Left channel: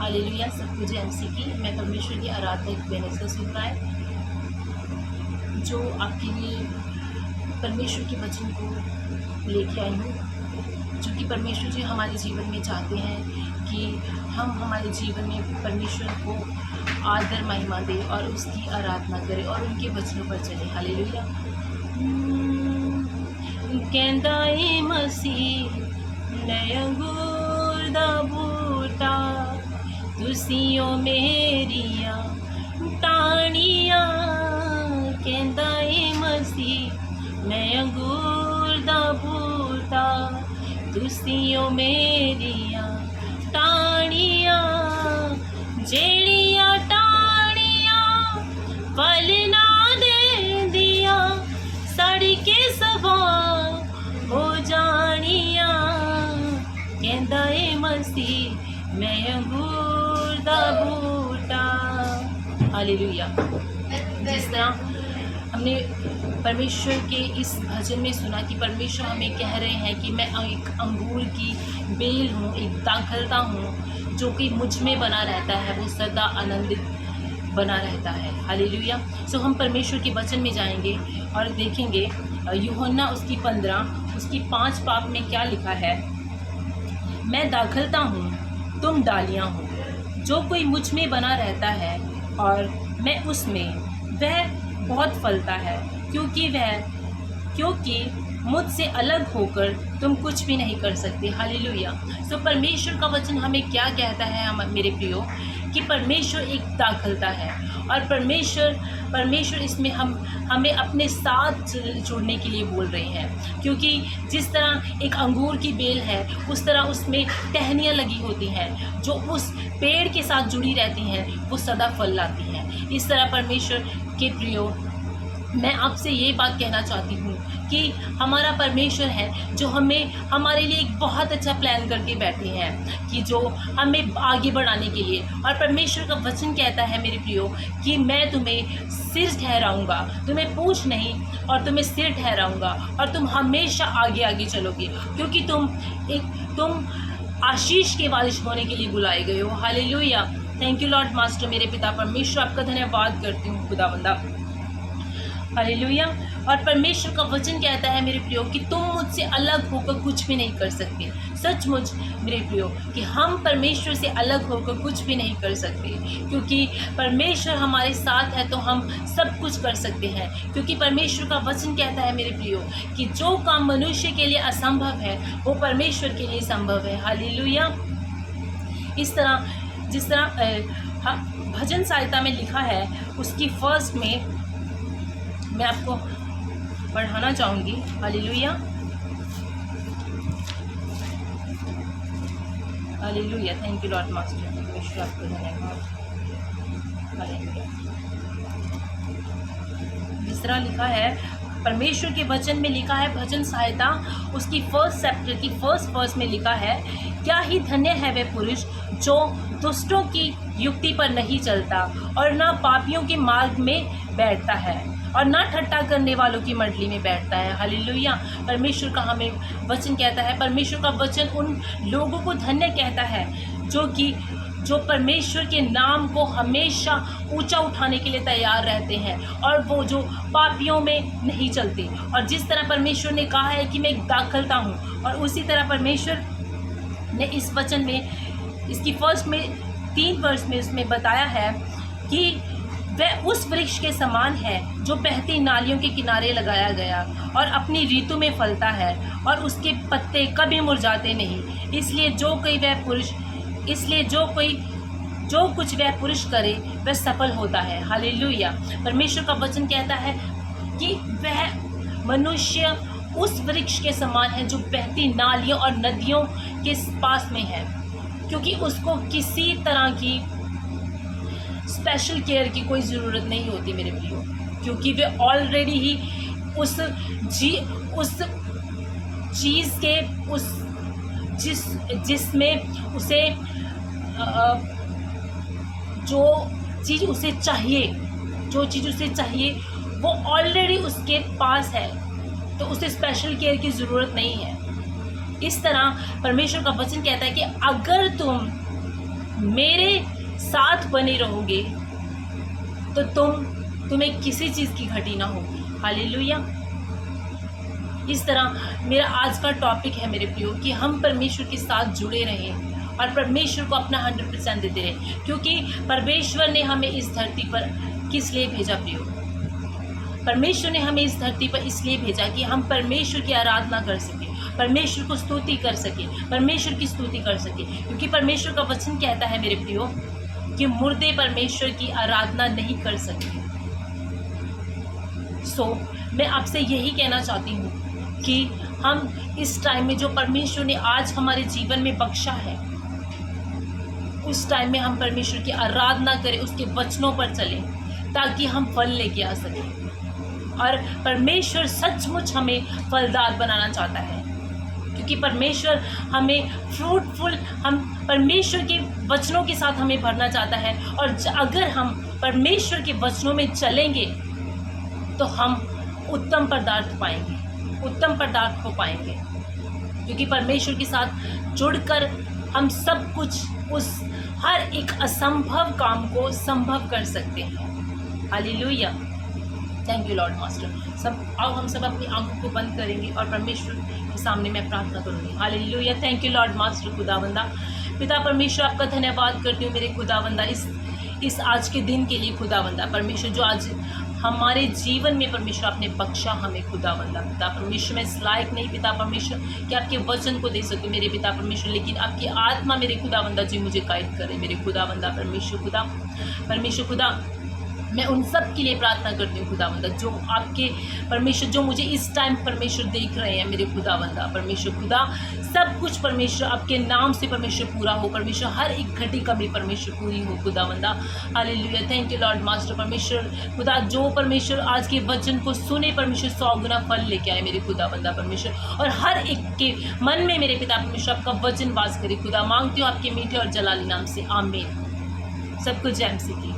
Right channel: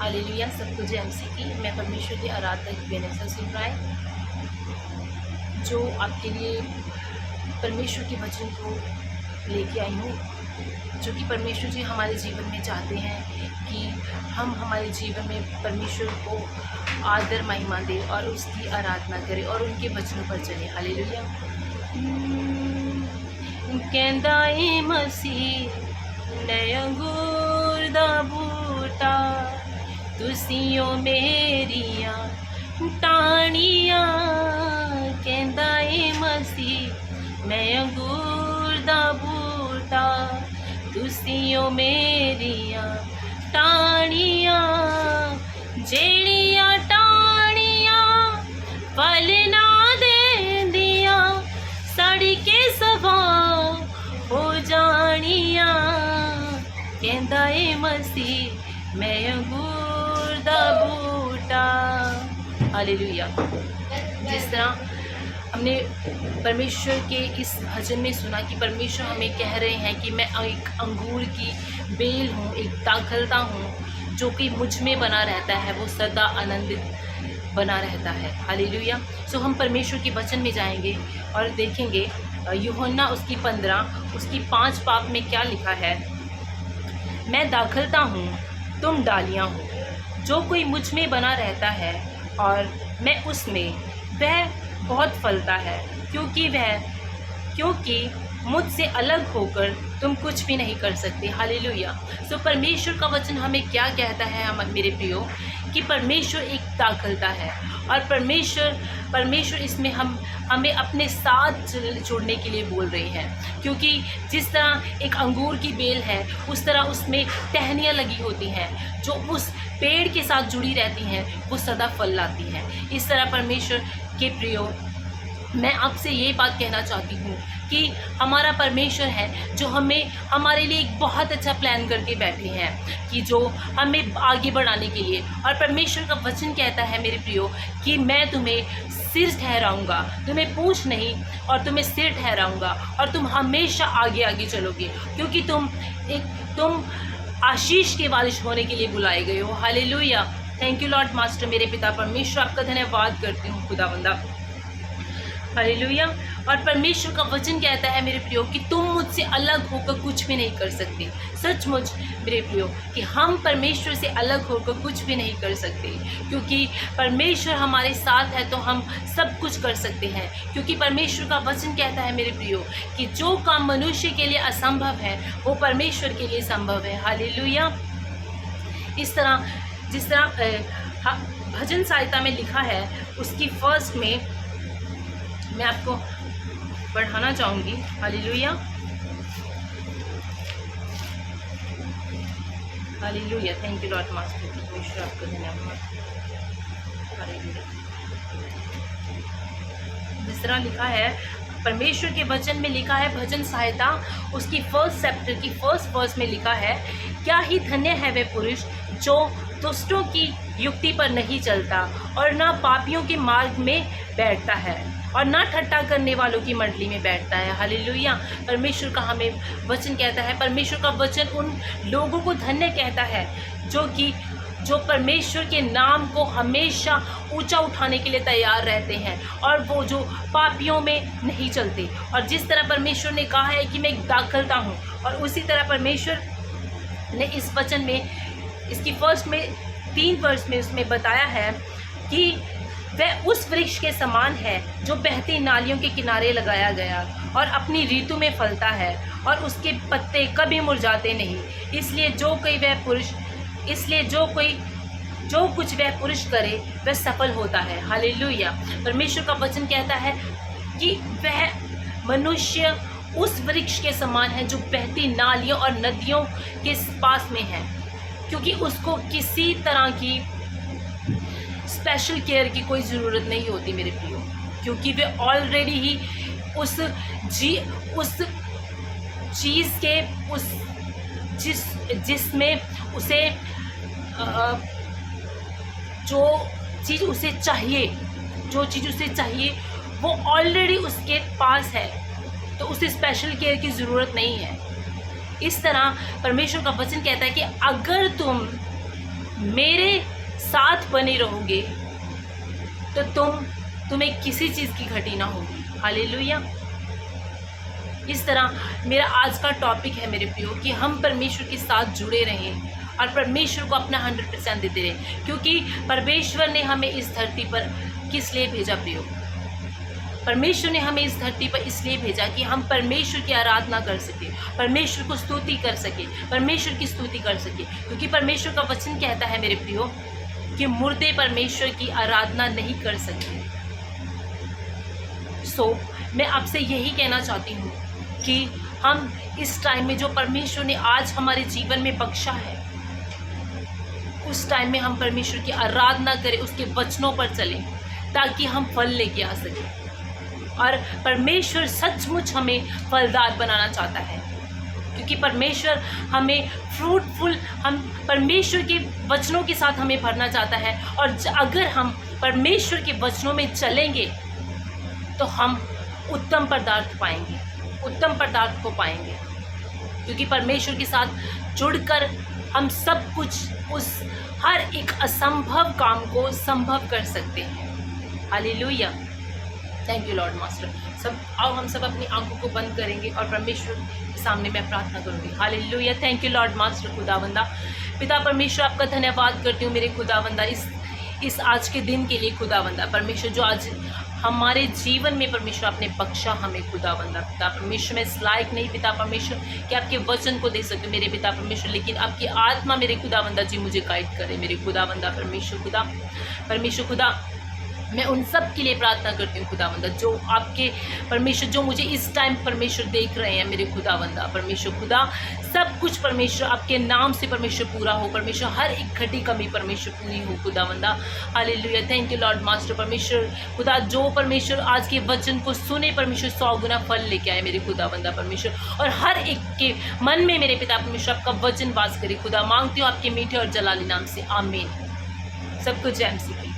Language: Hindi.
हालेलुया। सबको जय मसीह की। मैं परमेश्वर की आराधक वेनेसा सिंह राय, जो आपके लिए परमेश्वर के वचन को लेके आई हूँ, जो कि परमेश्वर जी हमारे जीवन में चाहते हैं कि हम हमारे जीवन में परमेश्वर को आदर महिमा दें और उसकी आराधना करें और उनके वचनों पर चलें। हालेलुया। कहंदा ए मसीह नए अंगूर दा बूटा, तुसियों मेरिया टाणियां। कहंदा ए मसीह नए अंगूर दा बूटा, तुसियों मेरिया टाणियां। जेड़ियां टाणियां फल ना देंदियां, सड़ के सवा हो जानियां। कहंदा ए मसीह मैं अंगूर दा बूटा। हालेलुया। जिस तरह हमने परमेश्वर के इस भजन में सुना कि परमेश्वर हमें कह रहे हैं कि मैं एक अंगूर की बेल हूँ, एक दाखलता हूँ, जो कि मुझ में बना रहता है, वो सदा आनंदित बना रहता है। हालेलुया। सो हम परमेश्वर के वचन में जाएंगे और देखेंगे यूहन्ना उसकी 15 उसकी 5 पाप में क्या लिखा है। मैं दाखलता हूँ, तुम डालियाँ हो, जो कोई मुझ में बना रहता है और मैं उसमें, वह बहुत फलता है, क्योंकि मुझसे अलग होकर तुम कुछ भी नहीं कर सकते। हालेलुया। सो परमेश्वर का वचन हमें क्या कहता है मेरे प्रियो, कि परमेश्वर एक दाखलता है और परमेश्वर इसमें हमें अपने साथ जुड़ने के लिए बोल रहे हैं। क्योंकि जिस तरह एक अंगूर की बेल है, उस तरह उसमें टहनियाँ लगी होती हैं जो उस पेड़ के साथ जुड़ी रहती हैं, वो सदा फल लाती हैं। इस तरह परमेश्वर के प्रियो, मैं आपसे ये बात कहना चाहती हूँ कि हमारा परमेश्वर है जो हमारे लिए एक बहुत अच्छा प्लान करके बैठे हैं, कि जो हमें आगे बढ़ाने के लिए। और परमेश्वर का वचन कहता है मेरे प्रियो कि मैं तुम्हें सिर ठहराऊंगा, तुम्हें पूंछ नहीं और तुम्हें सिर ठहराऊंगा, और तुम हमेशा आगे आगे चलोगे, क्योंकि तुम आशीष के वारिस होने के लिए बुलाए गए हो। Hallelujah. Thank you Lord master. मेरे पिता परमेश्वर, आपका धन्यवाद करती हूँ खुदावंदा। हालेलुया। और परमेश्वर का वचन कहता है मेरे प्रियो कि तुम मुझसे अलग होकर कुछ भी नहीं कर सकते। सचमुच मेरे प्रियो कि हम परमेश्वर से अलग होकर कुछ भी नहीं कर सकते, क्योंकि परमेश्वर हमारे साथ है तो हम सब कुछ कर सकते हैं। क्योंकि परमेश्वर का वचन कहता है मेरे प्रियो कि जो काम मनुष्य के लिए असंभव है, वो परमेश्वर के लिए संभव है। हालेलुया। इस तरह जिस तरह भजन सहायता में लिखा है, उसकी फर्स्ट में मैं आपको पढ़ाना चाहूँगी। Hallelujah. Hallelujah. Thank you Lord master. परमेश्वर आपका धन्यवाद। हालेलुया। जिस तरह लिखा है परमेश्वर के वचन में, लिखा है भजन सहायता उसकी फर्स्ट चैप्टर की फर्स्ट वर्स में लिखा है, क्या ही धन्य है वे पुरुष जो दुष्टों की युक्ति पर नहीं चलता और ना पापियों के मार्ग में बैठता है और ना ठट्ठा करने वालों की मंडली में बैठता है। हालेलुया। परमेश्वर का हमें वचन कहता है, परमेश्वर का वचन उन लोगों को धन्य कहता है जो परमेश्वर के नाम को हमेशा ऊंचा उठाने के लिए तैयार रहते हैं, और वो जो पापियों में नहीं चलते। और जिस तरह परमेश्वर ने कहा है कि मैं एक दाखलता हूँ, और उसी तरह परमेश्वर ने इस वचन में, इसकी फर्स्ट में 3 वर्ष में उसमें बताया है कि वह उस वृक्ष के समान है जो बहती नालियों के किनारे लगाया गया और अपनी ऋतु में फलता है, और उसके पत्ते कभी मुरझाते नहीं। इसलिए जो कुछ वह पुरुष करे वह सफल होता है। हालेलुया। परमेश्वर का वचन कहता है कि वह मनुष्य उस वृक्ष के समान है जो बहती नालियों और नदियों के पास में है, क्योंकि उसको किसी तरह की स्पेशल केयर की कोई ज़रूरत नहीं होती मेरे प्रियो, क्योंकि वे ऑलरेडी ही उस चीज़ के जिसमें उसे जो चीज़ उसे चाहिए वो ऑलरेडी उसके पास है, तो उसे स्पेशल केयर की ज़रूरत नहीं है। इस तरह परमेश्वर का वचन कहता है कि अगर तुम मेरे साथ बने रहोगे तो तुम्हें किसी चीज़ की घटी ना होगी। हालेलुया। इस तरह मेरा आज का टॉपिक है मेरे प्रियो कि हम परमेश्वर के साथ जुड़े रहें और परमेश्वर को अपना 100% देते रहें, क्योंकि परमेश्वर ने हमें इस धरती पर किस लिए भेजा प्रियो? परमेश्वर ने हमें इस धरती पर इसलिए भेजा कि हम परमेश्वर की आराधना कर सके, परमेश्वर को स्तुति कर सके, परमेश्वर की स्तुति कर सके, क्योंकि परमेश्वर का वचन कहता है मेरे प्रियो कि मुर्दे परमेश्वर की आराधना नहीं कर सकते। मैं आपसे यही कहना चाहती हूँ कि हम इस टाइम में जो परमेश्वर ने आज हमारे जीवन में बख्शा है, उस टाइम में हम परमेश्वर की आराधना करें, उसके वचनों पर चलें, ताकि हम फल लेके आ सकें। और परमेश्वर सचमुच हमें फलदार बनाना चाहता है, क्योंकि परमेश्वर हमें फ्रूटफुल, हम परमेश्वर के वचनों के साथ हमें भरना चाहता है। और अगर हम परमेश्वर के वचनों में चलेंगे तो हम उत्तम पदार्थ पाएंगे, उत्तम पदार्थ को पाएंगे, क्योंकि परमेश्वर के साथ जुड़कर हम सब कुछ, उस हर एक असंभव काम को संभव कर सकते हैं। Hallelujah. Thank you Lord master. आओ हम सब अपनी आंखों को बंद करेंगे और परमेश्वर के सामने मैं प्रार्थना करूंगी। Hallelujah. Thank you Lord master. खुदावंदा पिता परमेश्वर, आपका धन्यवाद करती हूँ मेरे खुदावंदा इस आज के दिन के लिए। खुदावंदा परमेश्वर, जो आज हमारे जीवन में परमेश्वर आपने बख्शा हमें खुदावंदा पिता परमेश्वर, मैं इस लायक नहीं पिता परमेश्वर कि आपके वचन को दे सकते मेरे पिता परमेश्वर, लेकिन आपकी आत्मा मेरे खुदावंदा जी मुझे गाइड करे मेरे खुदावंदा परमेश्वर खुदा। मैं उन सब के लिए प्रार्थना करती हूँ खुदावंदा, जो आपके परमेश्वर, जो मुझे इस टाइम परमेश्वर देख रहे हैं मेरे खुदावंदा परमेश्वर खुदा, सब कुछ परमेश्वर आपके नाम से परमेश्वर पूरा हो परमेश्वर, हर एक घटी कमी परमेश्वर पूरी हो खुदावंदा। Hallelujah. Thank you Lord master परमेश्वर खुदा, जो परमेश्वर आज के वचन को सुने परमेश्वर 100 गुना फल लेके आए मेरे खुदावंदा परमेश्वर, और हर एक के मन में मेरे पिता परमेश्वर आपका वचन वास करे खुदा। मांगती हूँ आपके मीठे और जलाली नाम से, आमीन। सबको जय मसीह की।